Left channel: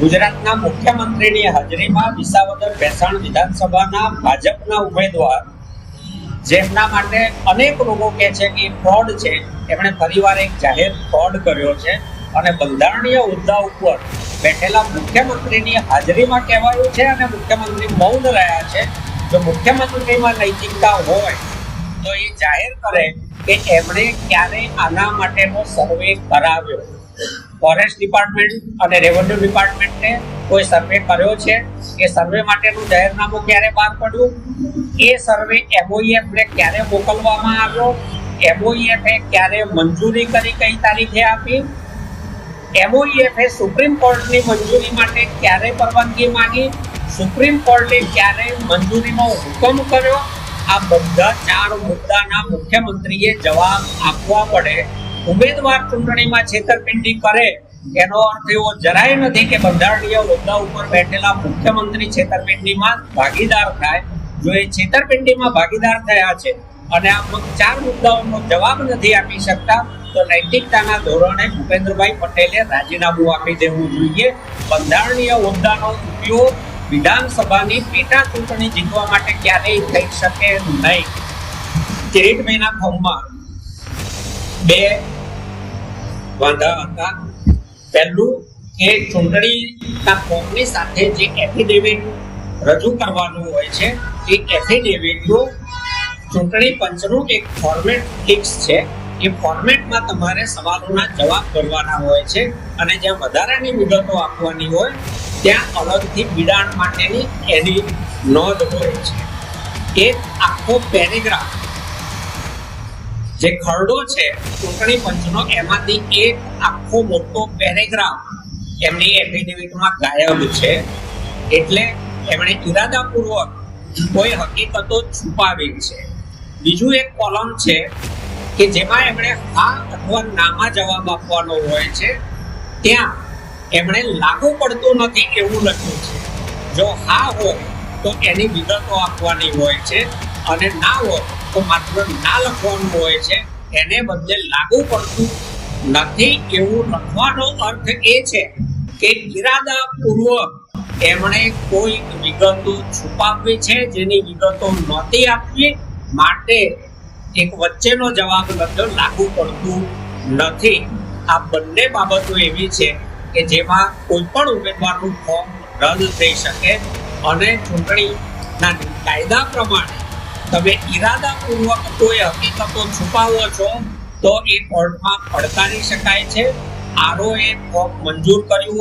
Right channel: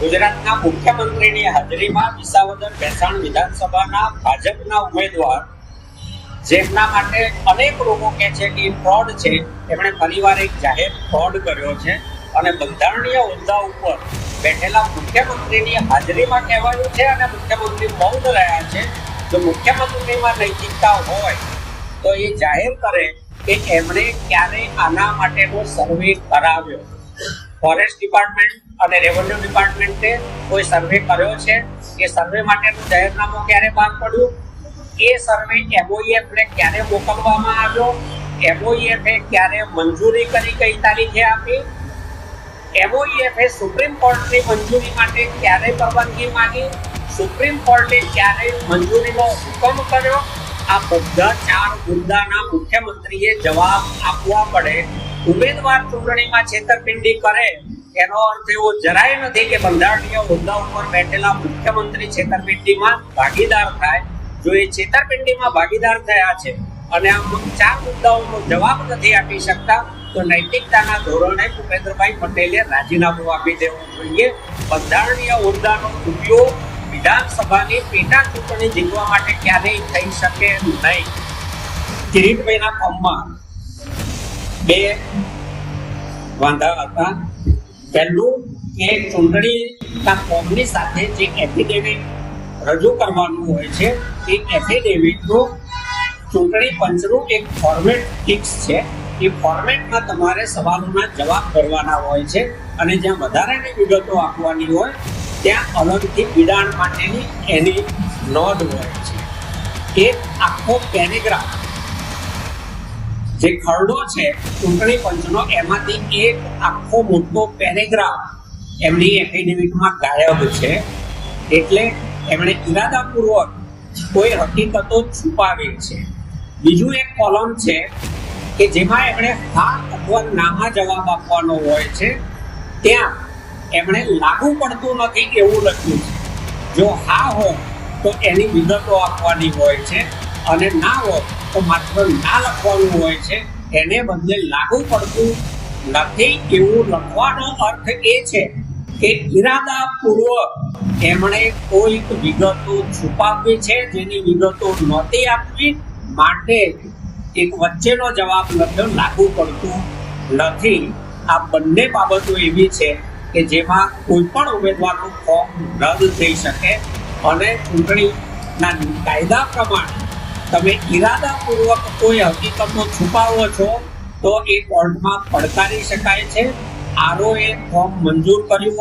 ગુજરાતના મુખ્યમંત્રીની હાજરીમાં વિસાવદર ભેસાણ વિધાનસભાના ભાજપના ઉમેદવાર જેમના માટે અનેક લોકો કહે છે કે ફ્રોડ છે, એમણે ફરીવાર એક જાહેર ફ્રોડ કર્યો છે અને બંધારણીય હોદ્દા ઉપર બેઠેલા મુખ્યમંત્રીની હાજરીમાં કહેવાયું છે અને મુખ્યમંત્રી મૌન રહ્યા છે. જો મુખ્યમંત્રીમાં નૈતિકતા હોય તો એ જાહેર કરે કે એમણે ક્યારે આના માટેનો સર્વે કરાવ્યો. ફોરેસ્ટ ડિપાર્ટમેન્ટ અને રેવન્યુ ડિપાર્ટમેન્ટે કોઈ સર્વે કર્યો છે? એ સર્વે માટેનું જાહેરનામું ક્યારે બહાર પડ્યું? એ સર્વે MOEF ને ક્યારે મોકલવામાં આવ્યો? MOEF એ ક્યારે મંજૂરી કરી, કઈ તારીખે આપી? MOEF એ સુપ્રીમ કોર્ટની મંજૂરી માટે ક્યારે પરવાનગી માંગી? સુપ્રીમ કોર્ટે ક્યારે મંજૂરીનો હુકમ કર્યો? આ બધા 4 મુદ્દાના મુખ્યમંત્રીએ જવાબ આપવા પડે. ઉમેદવાર ચૂંટણીમાં છેતરપિંડી કરે એનો અર્થ એવો જરાય નથી કે બંધારણીય હોદ્દા ઉપર બેઠેલા મુખ્યમંત્રી છેતરપિંડીમાં ભાગીદાર થાય. જો એ છેતરપિંડીમાં ભાગીદાર થયા છે અને આ 4 મુદ્દાઓનો જવાબ નથી આપી શકતા તો નૈતિકતાના ધોરણે ભૂપેન્દ્રભાઈ પટેલે રાજીનામું આપી દેવું જોઈએ. બંધારણીય હોદ્દાનો ઉપયોગ વિધાનસભાની પેટા ચૂંટણી જીતવા માટે ક્યારેય થઈ શકે નહીં. કિરીટભાઈના ફોર્મમાં 2 વાંધા હતા. પહેલું કે ચૂંટણીના ફોર્મની સાથે જે એફિડેવિટ રજૂ કરવાનું હોય છે એ એફિડેવિટનું ચૂંટણી પંચનું એક ફોર્મેટ ફિક્સ છે. એ ફોર્મેટમાં તમારે સવાલોના જવાબ ભરવાના હોય છે અને જ્યાં વધારાની વિગતો આપવાની હોય ત્યાં અલગથી બિડાણ માટેની એની નોંધ હોય છે. એક આખો પેરેગ્રાફ જે ખરડો છે ચૂંટણી પંચનો, એમાંથી એક આખો મોટો પેરેગ્રાફ એમની એફિડેવિટમાં ગાયબ છે. એટલે એમણે ઇરાદાપૂર્વક કોઈ હકીકતો છુપાવી છે. બીજું એક કોલમ છે કે જેમાં એમણે હા અથવા નામાં જવાબ આપવાનો હોય છે. ત્યાં એમણે લાગુ પડતું નથી એવું લખ્યું છે. જો હા હોય તો એની વિગતો આપવાની હોય છે અને ના હોય તો માત્ર ના લખવાનું હોય છે. એને બદલે લાગુ પડતું નથી એવું લખવાનો અર્થ એ છે કે ઇરાદાપૂર્વક એમણે કોઈક વિગતો છુપાવવી છે જેની વિગતો નહોતી આપવી, માટે એક વચ્ચેનો જવાબ લખ્યો લાગુ પડતું નથી. આ બંને બાબતો એવી છે કે જેમાં કોઈ પણ ઉમેદવારનું ફોર્મ રદ થઈ શકે અને ચૂંટણીના કાયદા પ્રમાણે તમે ઇરાદાપૂર્વક કોઈ હકીકતો છુપાવો છો તો એ કોર્ટમાં પડકારી શકાય છે. RO એ ફોર્મ મંજૂર કર્યું